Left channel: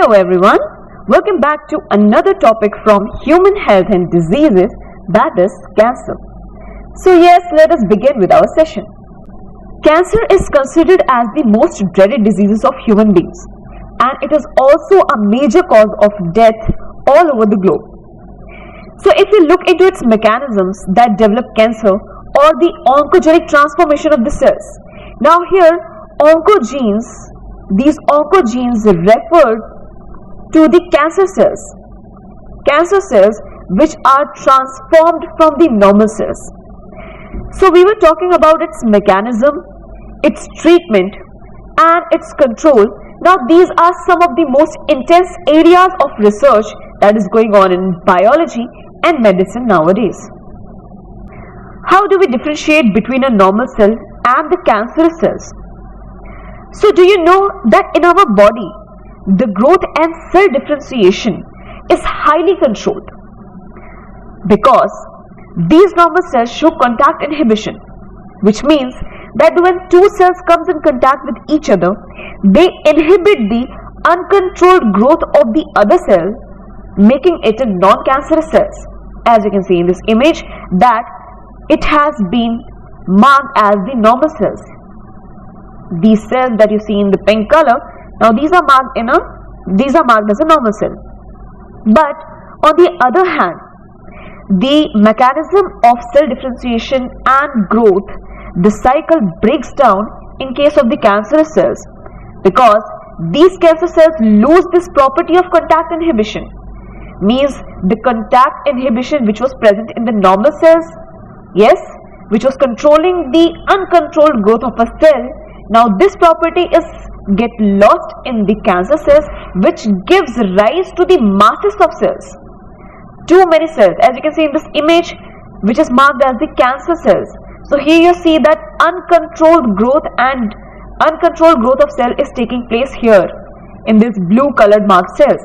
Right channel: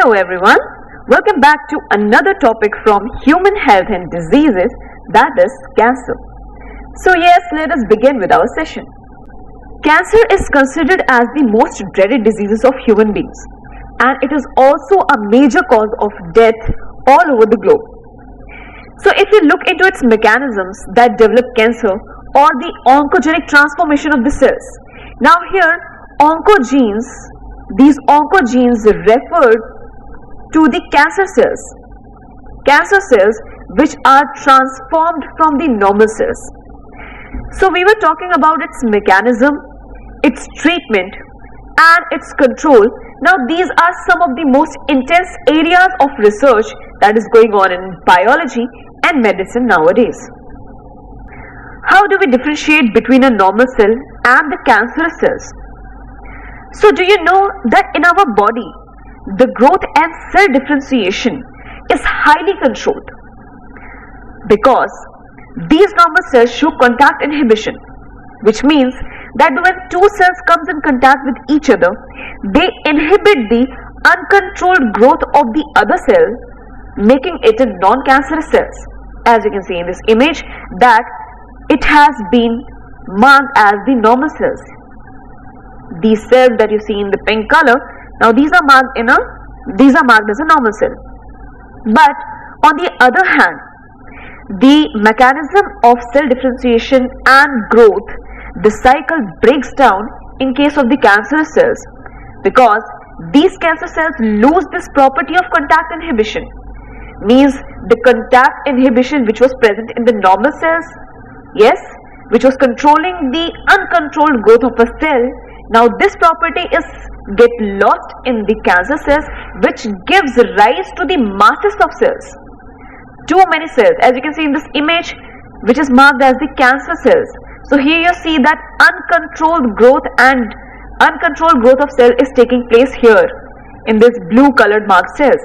Hello everyone, welcome back to another topic from human health and diseases, that is cancer. So yes, let us begin with our session. Cancer is considered as the most dreaded diseases of human beings, and it is also a major cause of death all over the globe. So if you look into its mechanisms that develop cancer or the oncogenic transformation of the cells. Now here oncogenes, these oncogenes refer to the cancer cells which are transformed from the normal cells. So we were talking about its mechanism, its treatment and its control. Now these are some of the most intense areas of research that is going on in biology and medicine nowadays. How do we differentiate between a normal cell and the cancerous cells? So do you know that in our body, the growth and cell differentiation is highly controlled because these normal cells show contact inhibition, which means that when two cells comes in contact with each other, they inhibit the uncontrolled growth of the other cell, making it a non-cancerous cells. As you can see in this image that it has been marked as the normal cells. These cells that you see in the pink color, now these are marked as a normal cell. But on the other hand, the mechanism of cell differentiation and growth, the cycle breaks down in case of the cancerous cells because these cancer cells lose this property of contact inhibition. Means the contact inhibition which was present in the normal cells, yes, which was controlling the uncontrolled growth of a cell. Now this property get lost in the cancer cells, which gives rise to the masses of cells. Too many cells, as you can see in this image, which is marked as the cancer cells. So here you see that uncontrolled growth of cell is taking place here in this blue colored marked cells.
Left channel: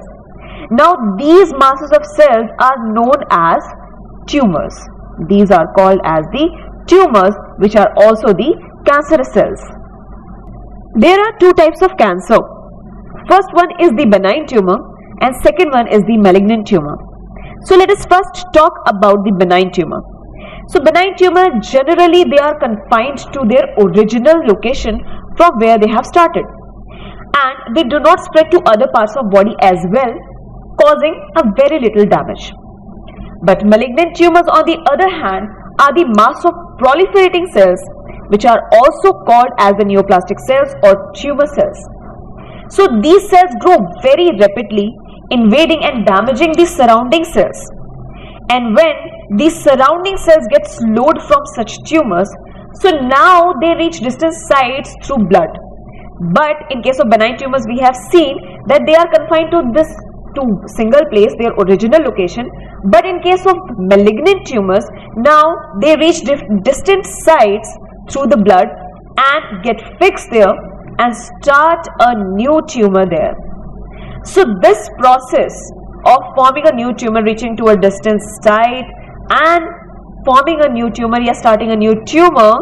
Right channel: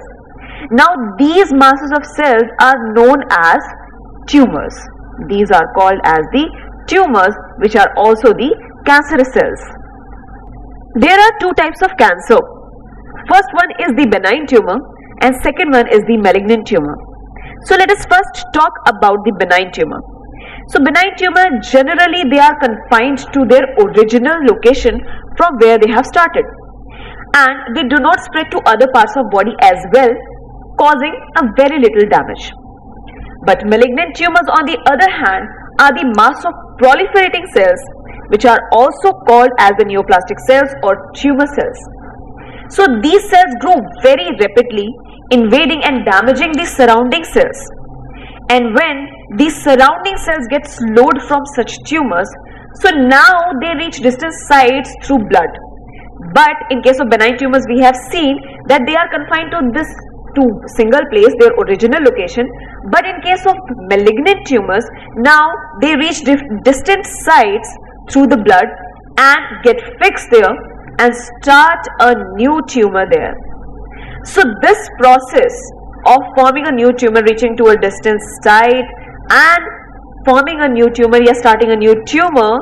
Now these masses of cells are known as tumors. These are called as the tumors, which are also the cancerous cells. There are two types of cancer. First one is the benign tumor and second one is the malignant tumor. So let us first talk about the benign tumor. So benign tumor, generally they are confined to their original location from where they have started, and they do not spread to other parts of body as well, causing a very little damage. But malignant tumors on the other hand are the mass of proliferating cells, which are also called as the neoplastic cells or tumor cells. So these cells grow very rapidly, invading and damaging the surrounding cells. And when these surrounding cells get slowed from such tumors, so now they reach distant sites through blood. But in case of benign tumors, we have seen that they are confined to this single place, their original location. But in case of malignant tumors, now they reach distant sites through the blood and get fixed there and start a new tumor there. So this process of forming a new tumor, reaching to a distant site and forming a new tumor, starting a new tumor,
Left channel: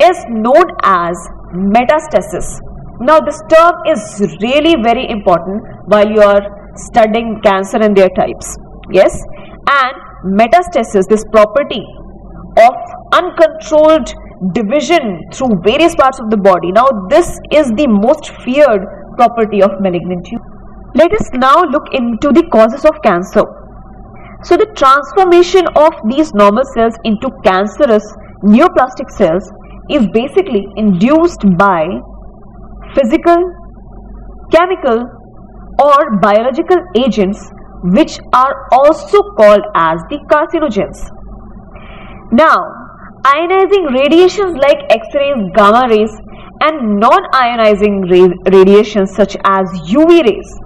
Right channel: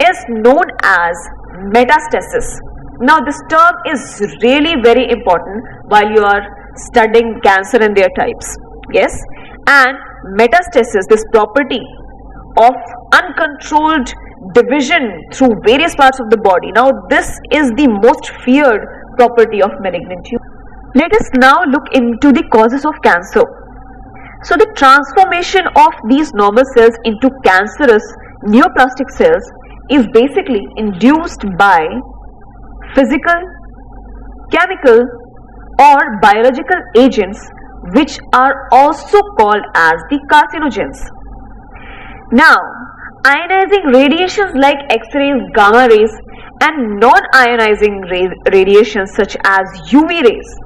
is known as metastasis. Now this term is really very important while you are studying cancer and their types. Yes, and metastasis, this property of uncontrolled division through various parts of the body. Now this is the most feared property of malignant tumor. Let us now look into the causes of cancer. So the transformation of these normal cells into cancerous neoplastic cells is basically induced by physical, chemical or biological agents which are also called as the carcinogens. Now ionizing radiations like X-rays, gamma rays and non-ionizing radiations such as UV rays.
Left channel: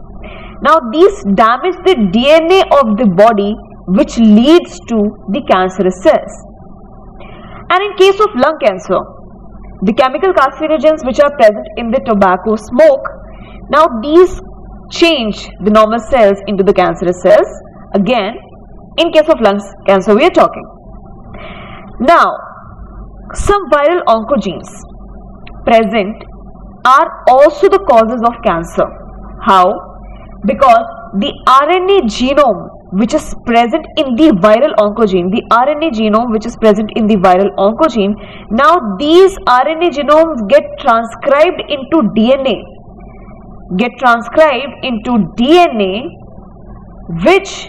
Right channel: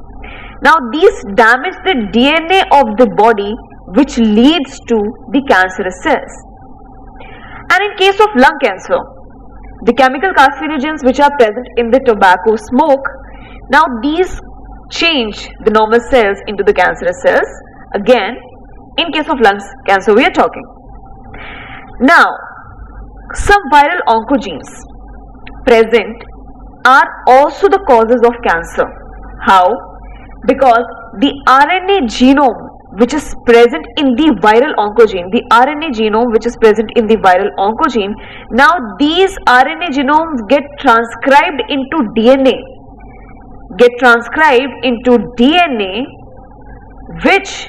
Now these damage the DNA of the body, which leads to the cancerous cells. And in case of lung cancer, the chemical carcinogens which are present in the tobacco smoke, now these change the normal cells into the cancerous cells. Again, in case of lung cancer we are talking. Now, some viral oncogenes present are also the causes of cancer. How? because the RNA genome which is present in the viral oncogene, now these RNA genomes get transcribed into DNA, which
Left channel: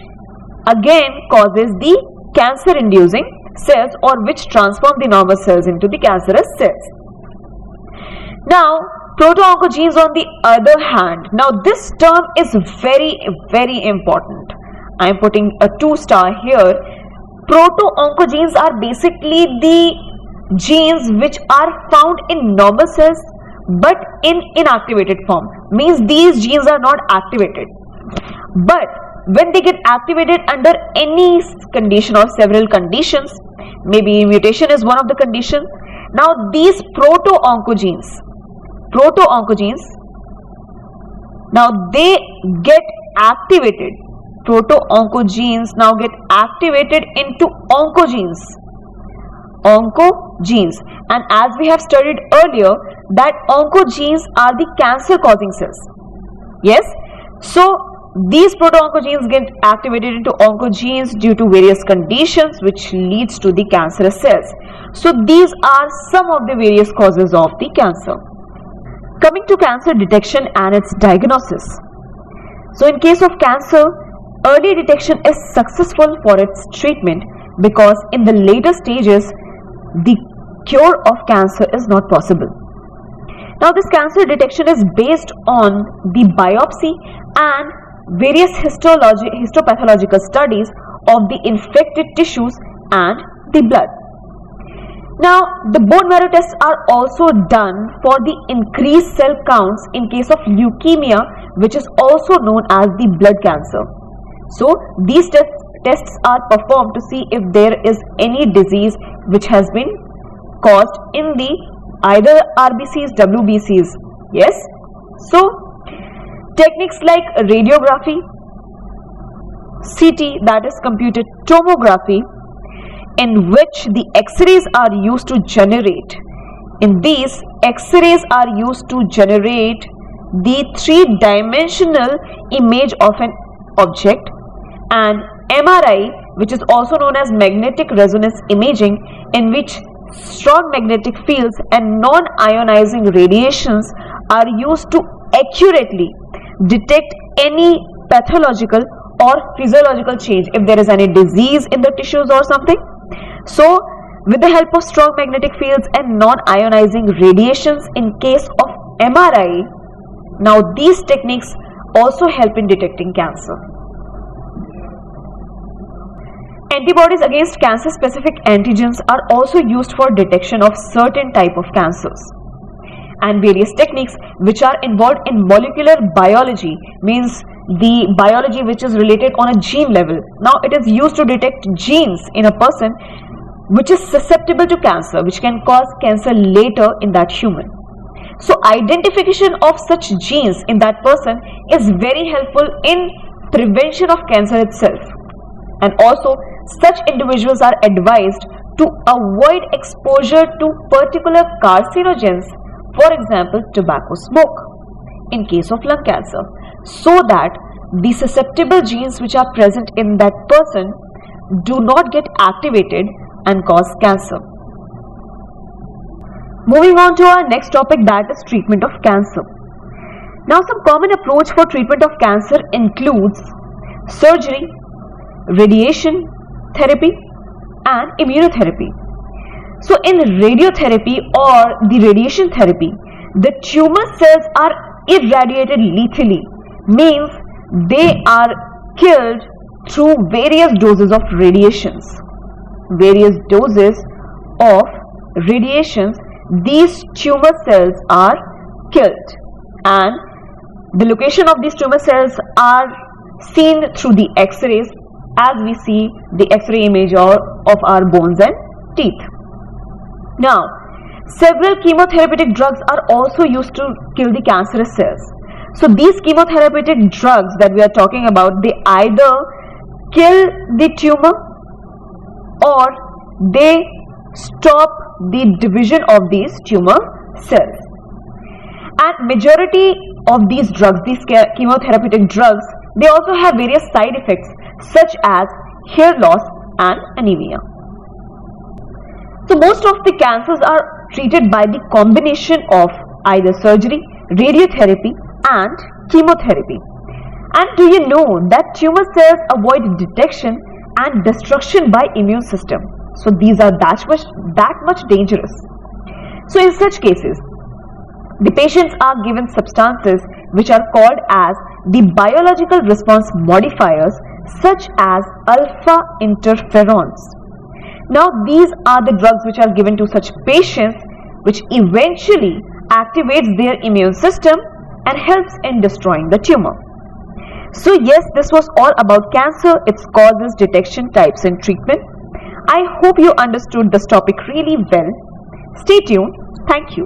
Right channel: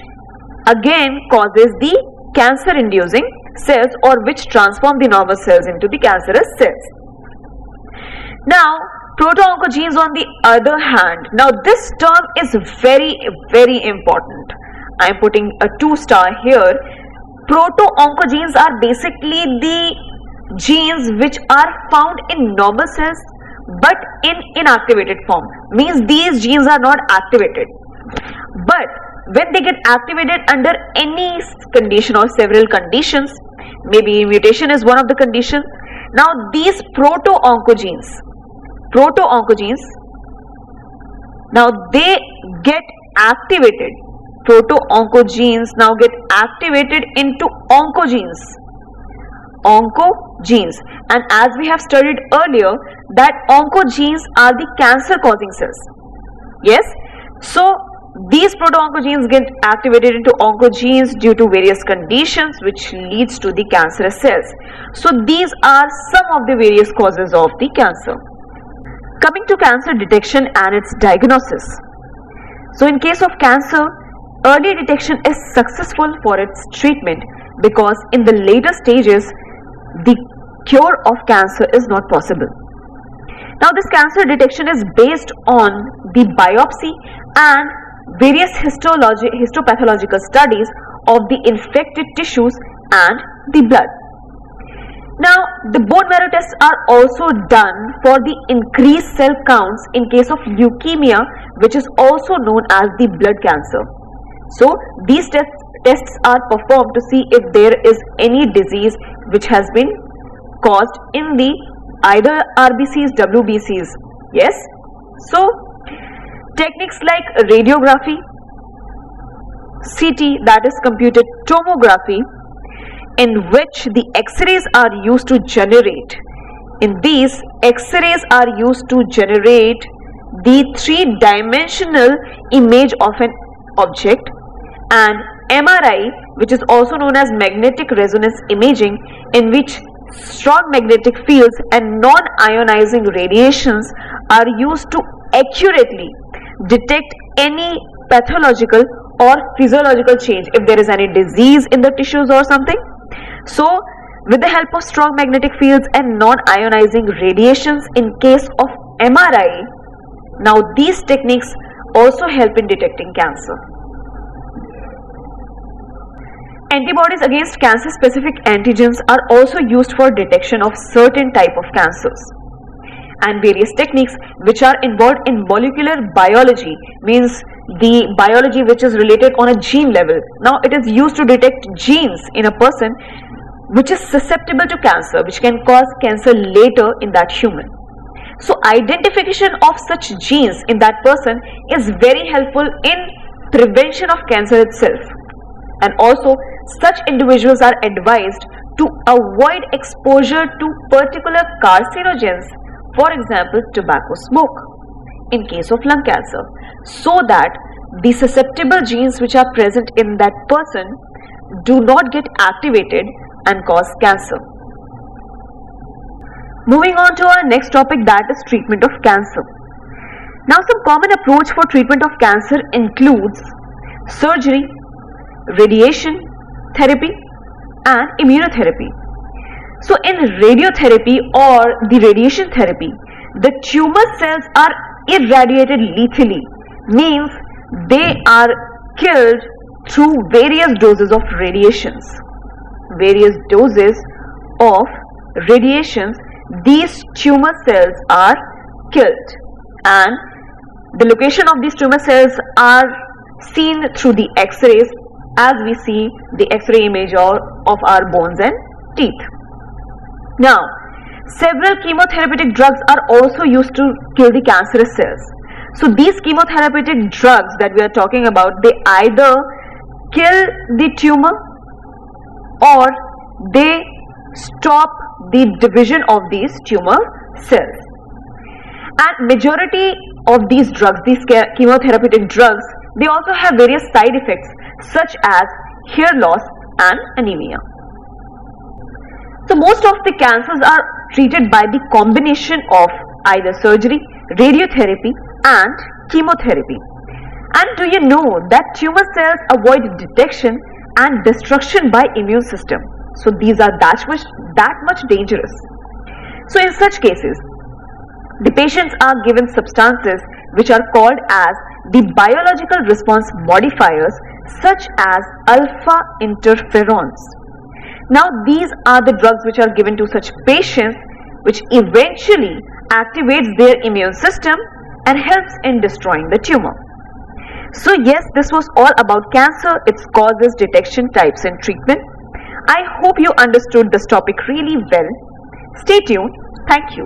again causes the cancer inducing cells, or which transform the normal cells into the cancerous cells. Now proto-oncogenes on the other hand, now this term is very, very important. I am putting a 2-star here. Proto-oncogenes are basically the genes which are found in normal cells but in inactivated form. Means these genes are not activated, but when they get activated under any condition or several conditions, maybe mutation is one of the conditions. Now these proto-oncogenes, now they get activated. Proto-oncogenes now get activated into oncogenes, and as we have studied earlier that oncogenes are the cancer causing cells. Yes, so these proto-oncogenes get activated into oncogenes due to various conditions which leads to the cancerous cells. So these are some of the various causes of the cancer. Coming to cancer detection and its diagnosis. So in case of cancer, early detection is successful for its treatment, because in the later stages the cure of cancer is not possible. Now this cancer detection is based on the biopsy and various histopathological studies of the infected tissues and the blood. Now the bone marrow tests are also done for the increased cell counts in case of leukemia, which is also known as the blood cancer. So these tests are performed to see if there is any disease which has been caused in the either RBCs, WBCs. Yes, so techniques like radiography, CT, that is computed tomography, in which the X-rays are used to generate. In these, X-rays are used to generate the 3-dimensional image of an object, and MRI, which is also known as magnetic resonance imaging, in which strong magnetic fields and non-ionizing radiations are used to accurately detect any pathological or physiological change, if there is any disease in the tissues or something. So with the help of strong magnetic fields and non-ionizing radiations in case of MRI, now these techniques also help in detecting cancer. Antibodies against cancer specific antigens are also used for detection of certain type of cancers. And various techniques which are involved in molecular biology, means the biology which is related on a gene level. Now it is used to detect genes in a person which is susceptible to cancer, which can cause cancer later in that human. So identification of such genes in that person is very helpful in prevention of cancer itself. And also such individuals are advised to avoid exposure to particular carcinogens, for example tobacco smoke, in case of lung cancer, so that the susceptible genes which are present in that person do not get activated and cause cancer. Moving on to our next topic, that is treatment of cancer. Now some common approach for treatment of cancer includes surgery, radiation therapy and immunotherapy. So in radiotherapy or the radiation therapy, the tumor cells are irradiated lethally, means they are killed through various doses of radiations. These tumor cells are killed, and the location of these tumor cells are seen through the X-rays, as we see the X-ray image of our bones and teeth. Now, several chemotherapeutic drugs are also used to kill the cancerous cells. So these chemotherapeutic drugs that we are talking about, they either kill the tumor or they stop the division of these tumor cells. And majority of these drugs, these chemotherapeutic drugs, they also have various side effects such as hair loss and anemia. So most of the cancers are treated by the combination of either surgery, radiotherapy and chemotherapy. And do you know that tumor cells avoid detection and destruction by immune system? So these are that much dangerous. So in such cases, the patients are given substances which are called as the biological response modifiers such as alpha interferons. Now these are the drugs which are given to such patients which eventually activates their immune system and helps in destroying the tumor. So yes, this was all about cancer, its causes, detection, types and treatment. I hope you understood this topic really well. Stay tuned. Thank you.